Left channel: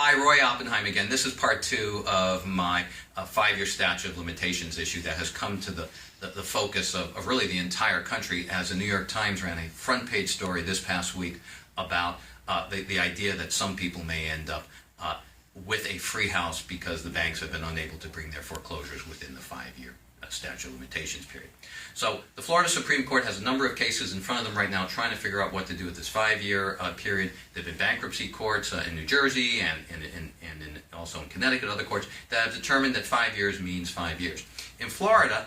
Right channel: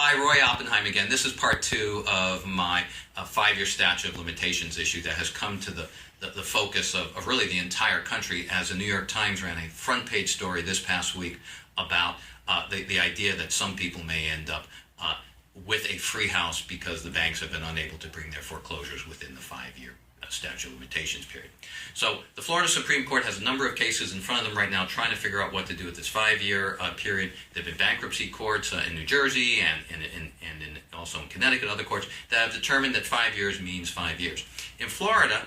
Hi, Roy Oppenheim again. This is part two of my 5-year statute of limitations issue that has come to the focus of really the entire country, as the New York Times ran a front page story this past week about the idea that some people may end up with a free house because the banks have been unable to bring their foreclosures within the 5-year statute of limitations period. So the Florida Supreme Court has a number of cases in front of them right now trying to figure out what to do with this 5-year period. There have been bankruptcy courts in New Jersey and also in Connecticut, other courts that have determined that 5 years means 5 years. In Florida,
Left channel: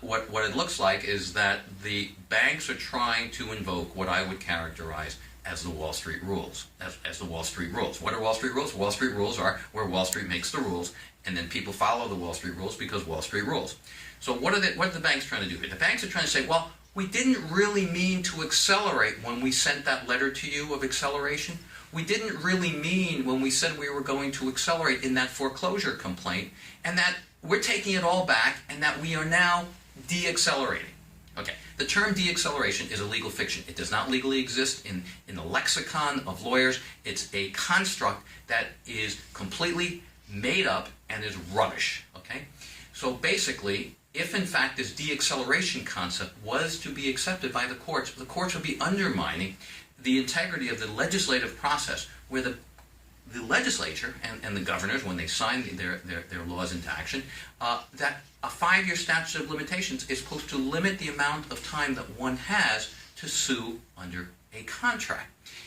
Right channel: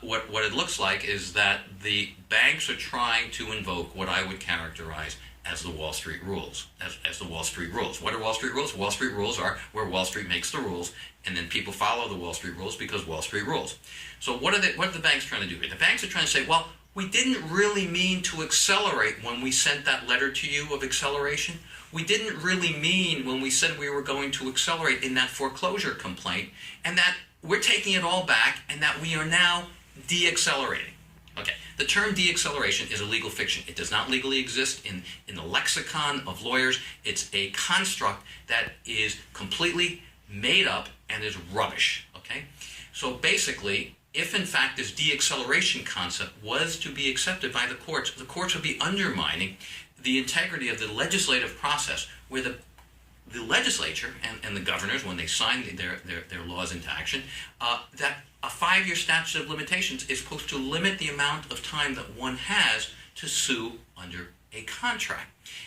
what it looks like is that the banks are trying to invoke what I would characterize as the Wall Street rules. As the Wall Street rules. What are Wall Street rules? Wall Street rules are where Wall Street makes the rules, and then people follow the Wall Street rules because Wall Street rules. So what are the banks trying to do? The banks are trying to say, well, we didn't really mean to accelerate when we sent that letter to you of acceleration. We didn't really mean when we said we were going to accelerate in that foreclosure complaint, and that we're taking it all back, and that we are now de-accelerating. Okay, the term de-acceleration is a legal fiction. It does not legally exist in the lexicon of lawyers. It's a construct that is completely made up and is rubbish. Okay, so basically, if in fact this de-acceleration concept was to be accepted by the courts would be undermining the integrity of the legislative process, where the legislature and the governors, when they sign their laws into action, that a 5-year statute of limitations is supposed to limit the amount of time that one has to sue under a contract.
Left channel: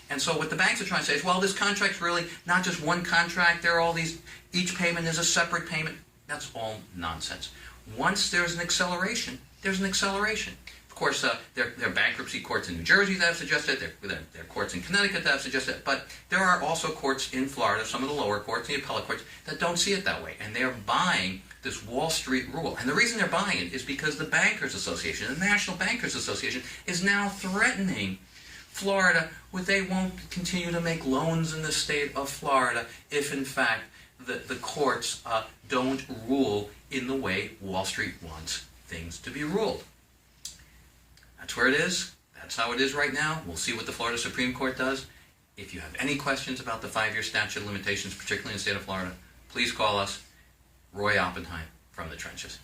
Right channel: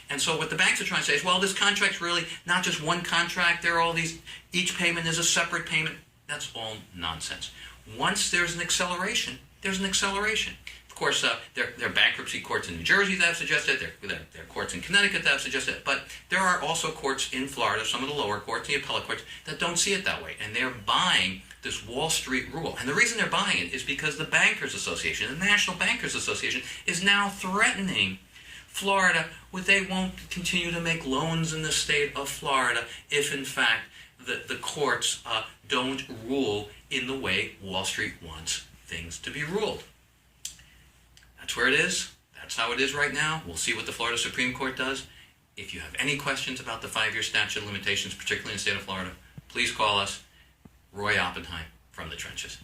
And so what the banks are trying to say is, well, this contract's really not just one contract. There are all these, each payment is a separate payment. That's all nonsense. Once there's an acceleration, there's an acceleration. Of course, there are bankruptcy courts in New Jersey that have suggested it. There are courts in Connecticut that have suggested it. But there are also courts in Florida, some of the lower courts, the appellate courts, that don't see it that way. And they're buying this Wall Street rule. And the reason they're buying it is because the Bankers Association, the National Bankers Association, is now threatening Florida with they won't continue to make loans in the state of Florida if, in fact, the courts don't rule in the way Wall Street wants things to be ruled. That's where it is. That's how it is right now. We'll see what the Florida Supreme Court does. If you have any questions about the 5-year statute of limitations, particularly in the state of Florida, please call us. Roy Oppenheim from the trenches.